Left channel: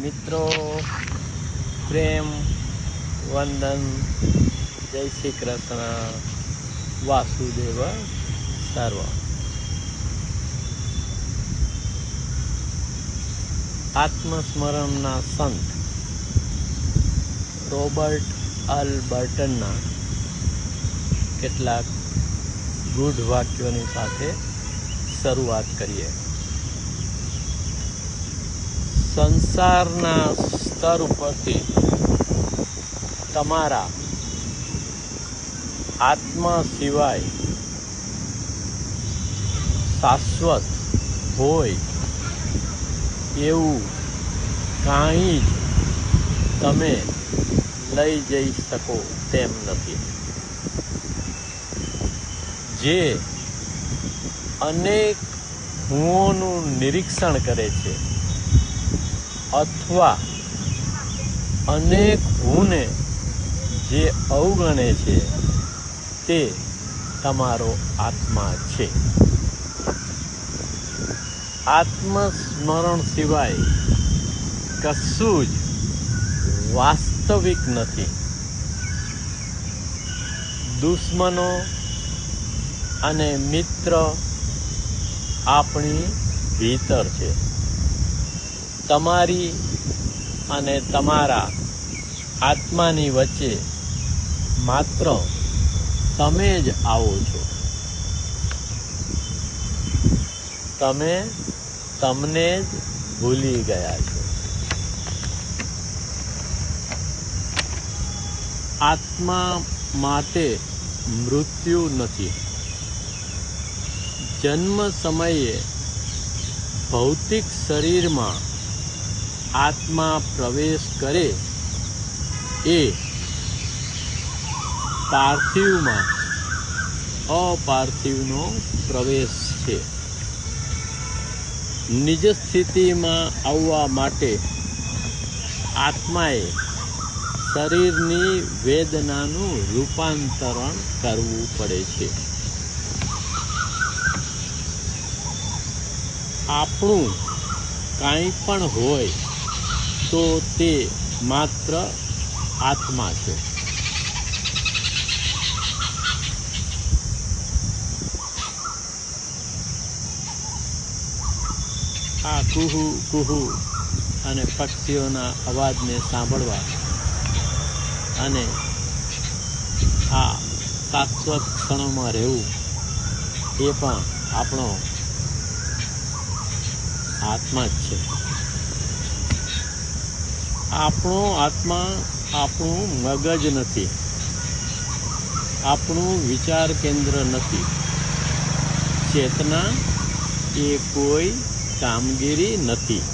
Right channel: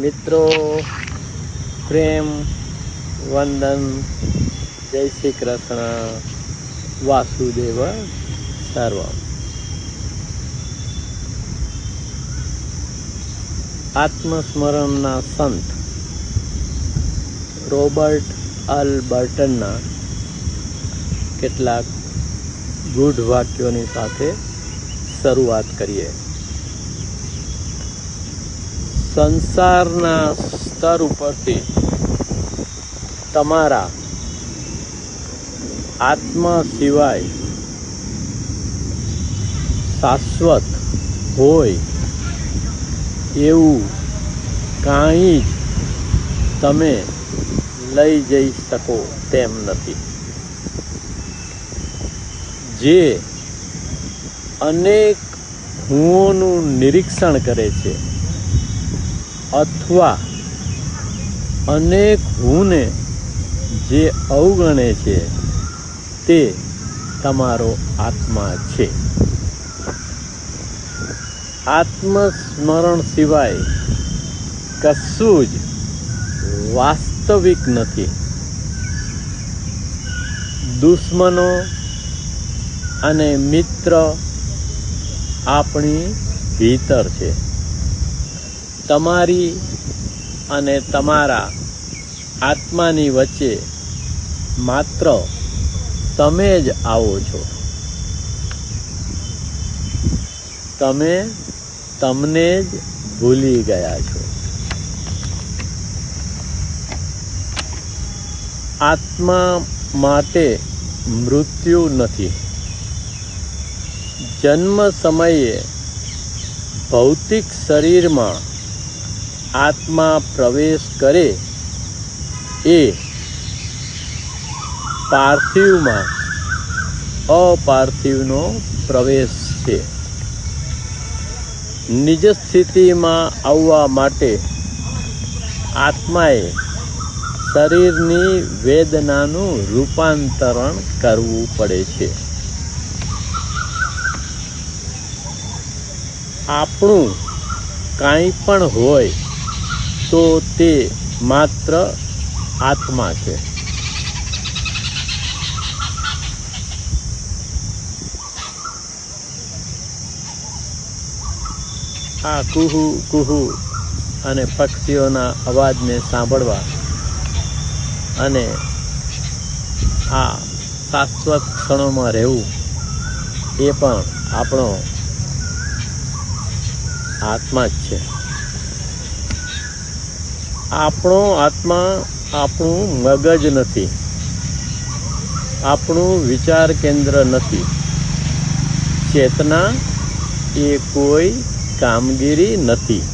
મિત્રો, પ્રેમ વંદન, જય શ્રી કૃષ્ણ, વાસુદેવ સર્વ. આત્મસ્મરણના સંત રોબર્ટ અલબર્ટનના કેટલાક ગૂઢ વાક્યોની સાથે શરૂઆત કરીએ. સંસારના સ્તર ઉપરથી તમારા આત્મા સિવાય શાશ્વત હોય એવું કાંઈ જ તમે લઈ જઈ શકો તેમ નથી. જે અનેક હુંઓનું નિરીક્ષણ કરે છે અથવા અનેક હુંને જે અવગણે છે તે તમારો આત્મા છે. આત્મસ્મરણ સિવાય કશું જ વાસ્તવિક નથી. દુશ્મનો અને મિત્ર આપણી ભીતર છે. તમારી અને તમારા આત્માની વચ્ચે માત્ર તમે જ આવો છો. તમે તમને જ ભૂલી ગયા છો. આત્મા માટે મૃત્યુ નથી. જન્મ સમયે ભૌતિક શરીરમાં આત્મા પ્રવેશ કરે એ પાર્થિવમાં અપાર્થિવનો પ્રવેશ છે. નિજ સ્થિતિમાં આવવા માટે આત્માએ શરીરની વેદનાનું રૂપાંતરણ કરવું પડે છે. આપણું કાંઈ પણ હોય તો તે માત્ર આત્મા છે. આ કુહુ કુહુ અને પક્ષીઓના અવાજને સાંભળવા અને આ શાશ્વત ક્ષણોમાં રહેવું એ પણ આપણો આત્મા જ છે. આપણો આત્મા આપણું મગજ નથી. આપણું વિચાર કેન્દ્ર નથી. ચેતના એ કોઈ કામગીરી નથી.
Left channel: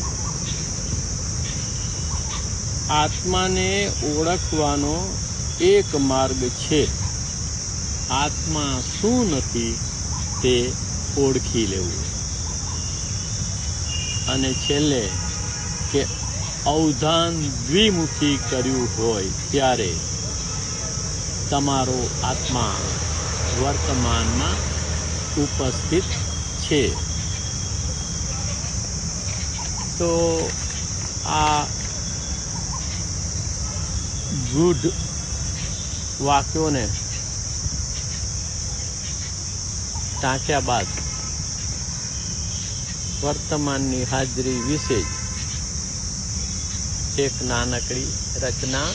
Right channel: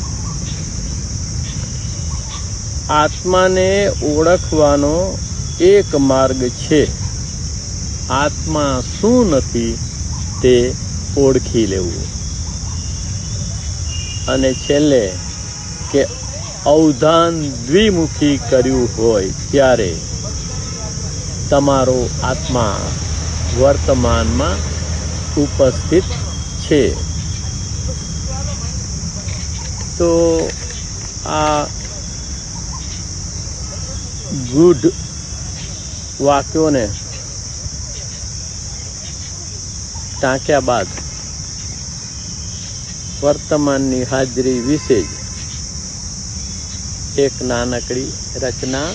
આત્માને ઓળખવાનો એક માર્ગ છે. આત્મા શું નથી તે ઓળખી લેવું. અને છેલ્લે કે અવધાન દ્વિમુખી કર્યું હોય ત્યારે તમારો આત્મા વર્તમાનમાં ઉપસ્થિત છે. તો આ ગૂઢ વાક્યોને ટાંક્યા બાદ વર્તમાનની હાજરી વિશે જ એક નાનકડી રચના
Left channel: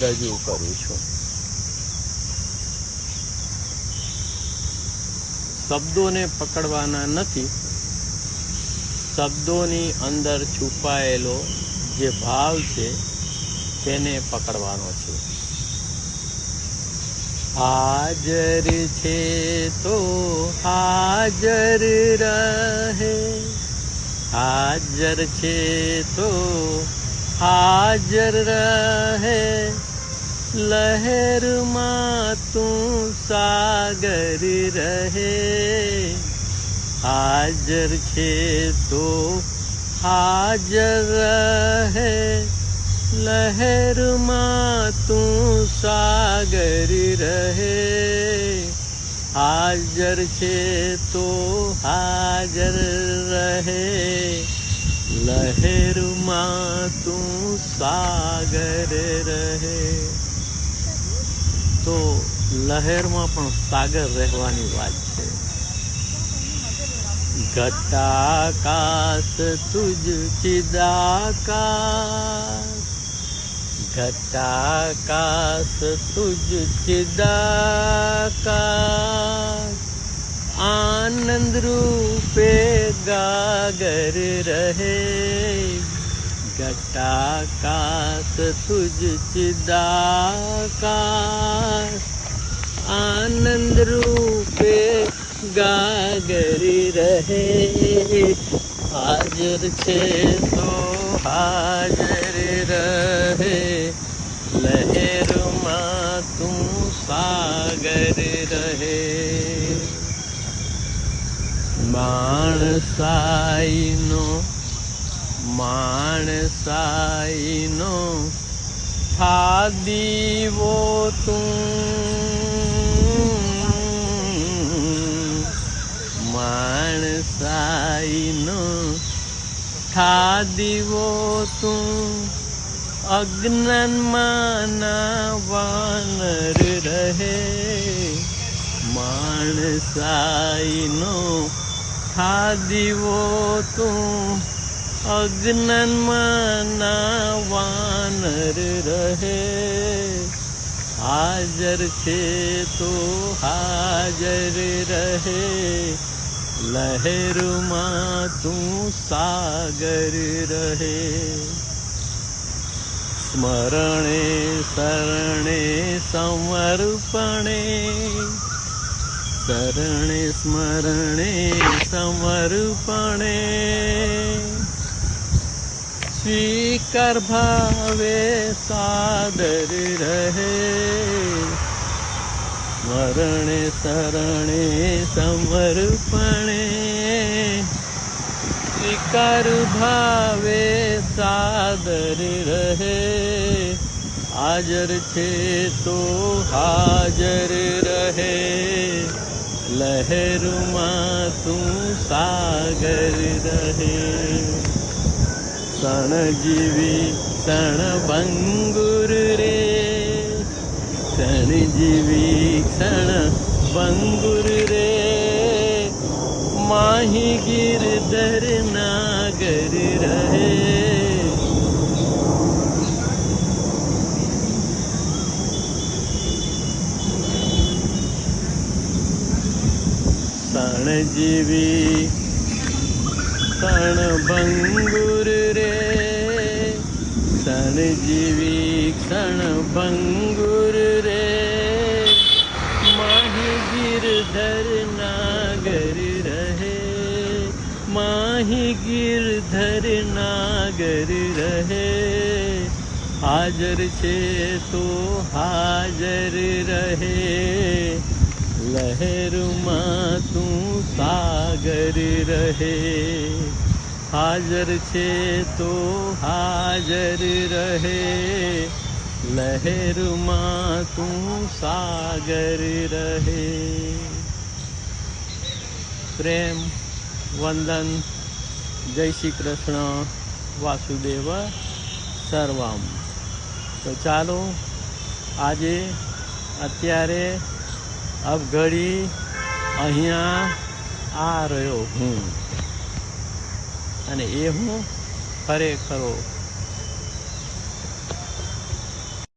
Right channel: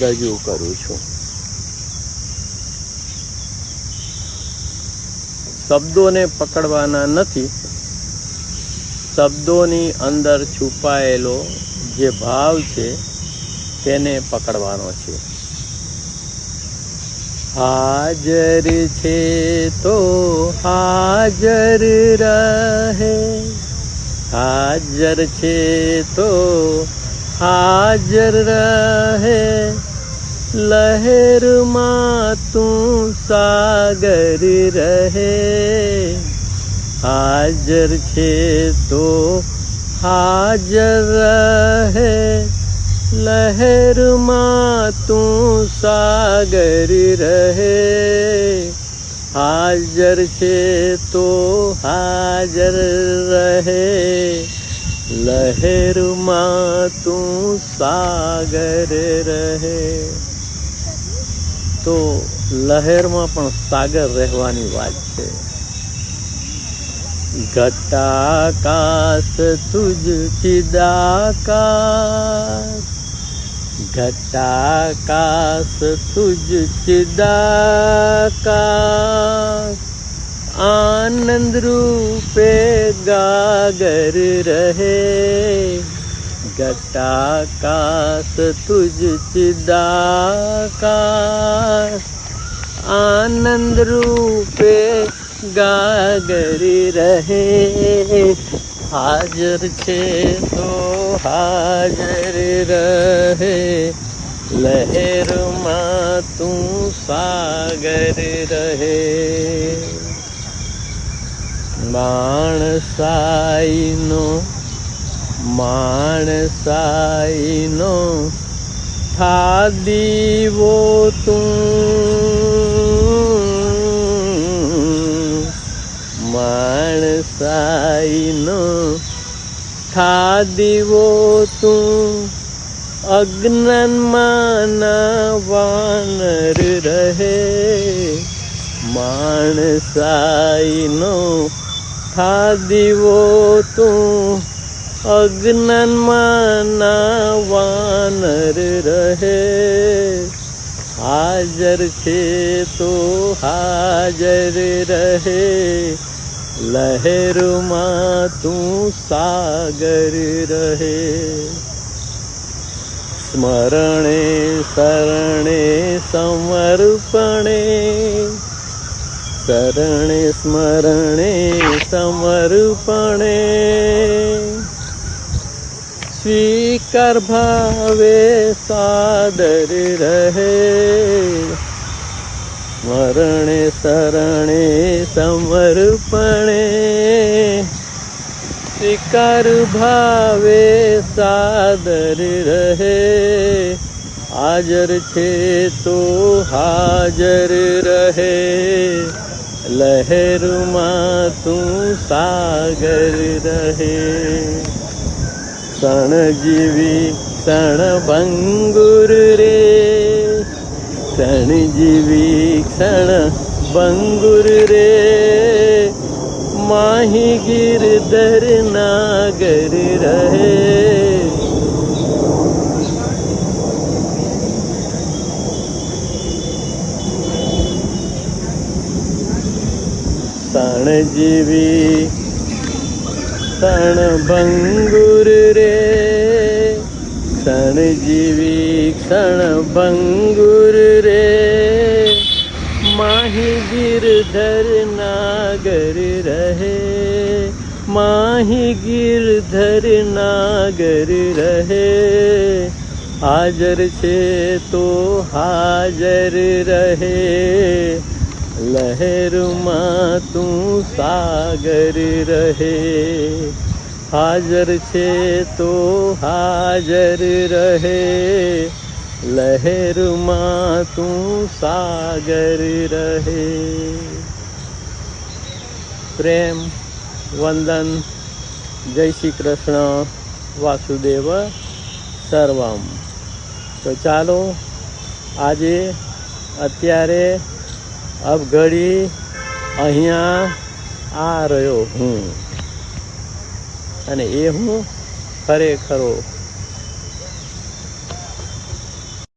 રજૂ કરું છું. શબ્દોને પકડવાના નથી. શબ્દોની અંદર છુપાયેલો જે ભાવ છે તેને પકડવાનો છે. હાજર છે તો હાજર રહે, હાજર છે તો હાજર રહે, લહેરમાં તું સાગર રહે. હાજર છે તો હાજર રહે, લહેરમાં તું સાગર રહે. હાજર છે તો હાજર રહે, લહેરમાં તું સાગર રહે. તો લહેરમાં પણ સાગર રહેવાની વાત છે. ઘટાકાશ તુજ ચિદાકાશ, ઘટાકાશ તુજ ચિદાકાશ, આનંદ રૂપે ગાગર રહે. ઘટાકાશ તુજ ચિદાકાશ, આનંદ રૂપે ગાગર રહે. હાજર છે તો હાજર રહે, લહેરમાં તું સાગર રહે. માણસાઈનો થા દીવો તું, માણસાઈનો થા દીવો તું, અજ્ઞાનમાં ના વાનર રહે. માણસાઈનો થા દીવો તું, અજ્ઞાનમાં ના વાનર રહે. હાજર છે તો હાજર રહે, લહેરમાં તું સાગર રહે. સ્મરણે શરણે સમર્પણે, શરણે સ્મરણે સમર્પણે, સ્વીકાર ભાવે સાદર રહે. સ્મરણે શરણે સમર્પણે, સ્વીકાર ભાવે સાદર રહે. હાજર છે તો હાજર રહે, લહેરમાં તું સાગર રહે. ક્ષણ જીવી ક્ષણ ભંગુર રે, ક્ષણ જીવી ક્ષણ ભંગુર રે, માહી ગિરધર નાગર રહે. ક્ષણ જીવી ક્ષણ ભંગુર રે, ક્ષણ જીવી ક્ષણ ભંગુર રે, માહી ગિરધર નાગર રહે. માહી ગિરધર નાગર રહે. હાજર છે તો હાજર રહે, લહેરમાં તું સાગર રહે. હાજર છે તો હાજર રહે, લહેરમાં તું સાગર રહે. પ્રેમ વંદન. જય શ્રી કૃષ્ણ. વાસુદેવ સર્વમ. તો ચાલો આજે અત્યારે અબ ઘડી અહીંયા આ રહ્યો હું, અને એ હું ખરેખરો